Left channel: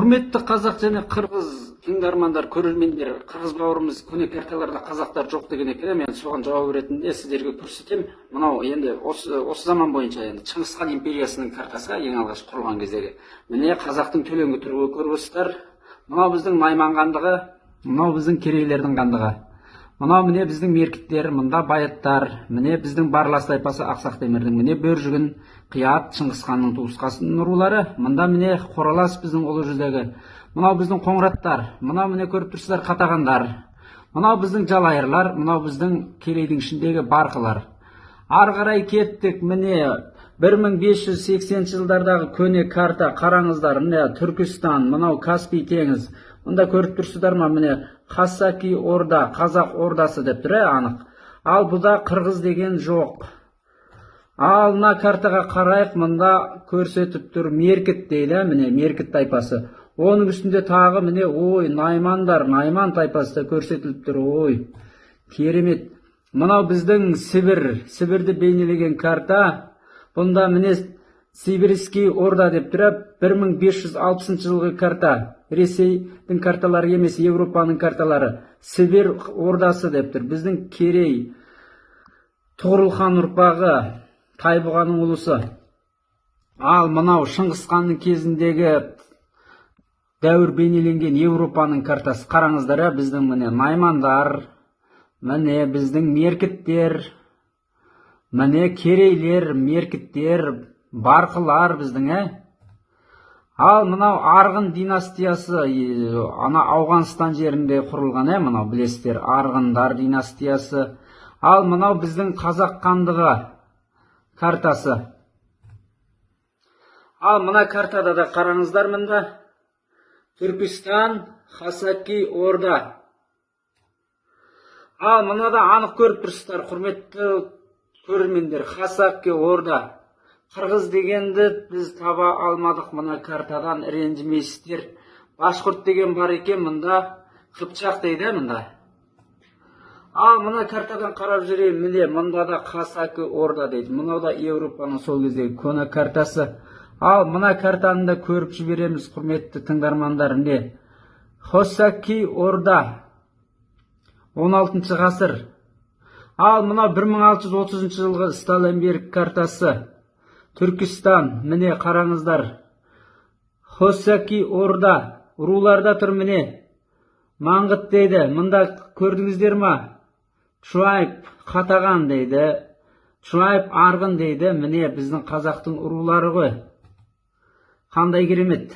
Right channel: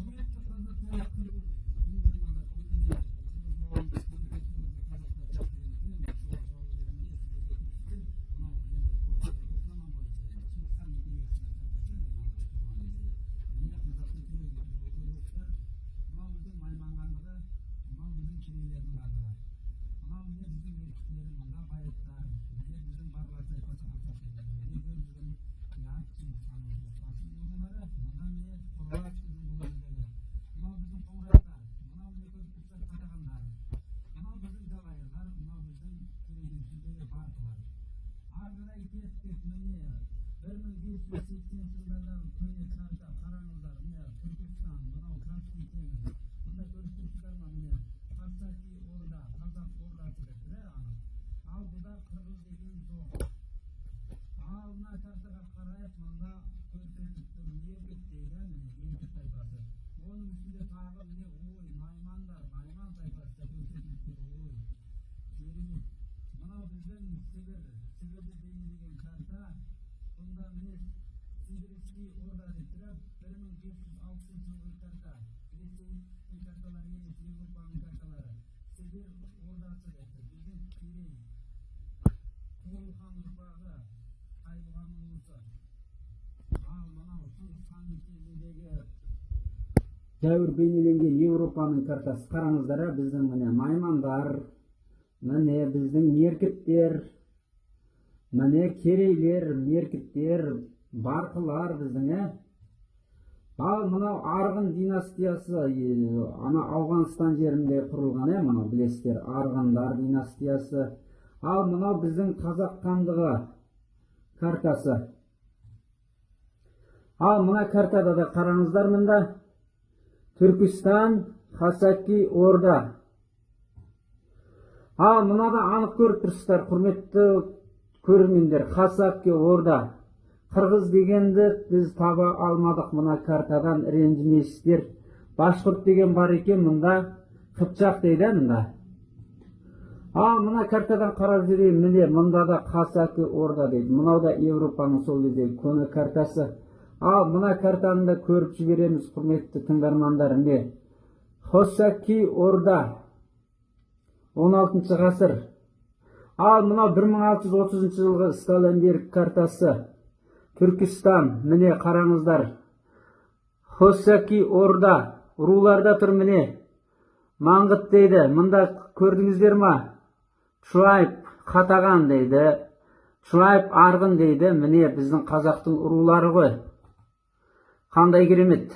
Құрметті қазақ және қырғыз тыңдармандар, көрермендер, қырғыз бауырымыз көне карталарда қазақтар жоқ деген екен. Мен соған жауап ретінде сіздерге көрсетем. Мынау енді осы заман бойынша енді Шыңғысхан империясының картасы ең алғаш құрылған кездегі. Міне қазақтың төлеңгі түрі көріп. Мынау біздің Найман хандығы, мынау біздің керейлердің хандығы. Мынау міне біздің меркіттер, мында байыттар, міне біздің Барлас тайпасы Ақсақ Темірдің, міне Бөржігін, Қият, Шыңғысханның туысқасын рулары, мында міне Қоралас біздің ұлы жүздегі, мынау біздің Қоңыраттар, мынау міне көріп тұрсыздар Қатағандар, мынау біздің Жалайырлар, мынау біздің Керейдің ішіндегі Барқылар. Ары қарай кеттік, міне 1580 жылдардағы көне карта қараңыздар, міне Түркістан, мынау Каспий теңіз. Мұнда көріп тұрсыздар ма, міне Хасаки орда, қазақ ордасы деп тұр, анық. Ал бұда қырғыз деген жоқ. Ал мына картаға қарайық, мұнда көрсетіп тұр Меркіт дейді, міне Меркіт тайпасы. Оның үстінде тағы міне ой, Наймандар, Найман тайпасы да көрсетіліп тұр, ой. Керемет. Мынау біздің Сібір, Сібірді бейнелеген карта. Бұнда міне Сибирский орда деп тұр, 1560 жылғы карта. Ресейдің карталары емес, Европаның карталары. Сібір ордасы деп тұр. Біздің Керей, Тұғырылхан ұрпағы, Тайбұғаның ұлысы. Ал мынау Шыңғысханның кезіндегі дәуір бейнеленген Европаның картасы. Қараңыздар, біздің міне Наймандар, міне біздің Меркіттер, міне Керейлер, Меркіттер, Барқылар біздің, Ал мынау Арғын династиясы, ана Ауғанстан жерінде құрылған, мынау білесіздер, Арғындар династиясы. Ал мынау біздің Қазақ хандығы картасы. Ал мына картада да қараңыздар, мында Түркістан, Хасаки орда. Ал мына да анық көріп тұрсыздар, құрметті көрермендер, Хасаки орда. Қырғыз дегенді біз таба алмадық мына картадан, ренжімейсіздер. Башқұрт деген бар екен, мында Қыпшақ дейді, мында. Ал мына картадан қарап жүрейін, міне мында да Хасаки орда дейді. Мынау да Европаның сол кездегі көне картасы. Ал мына картаны да көріп жібереміз, құрметті тыңдармандар, міне Хасаки орда 16 ғасыр. Ал мынау 1630 жылғы Сталинберг картасы. Түркістан, міне қараңыздар. Хасаки орда, руларда тұр, міне Маңғыт дейді. Мында көрдіңіздер ма? Чуайп, Қатаған дейді. Чуайп, Арғын дейді. Міне біздің қазақтың рулары ғой. Қандай керемет.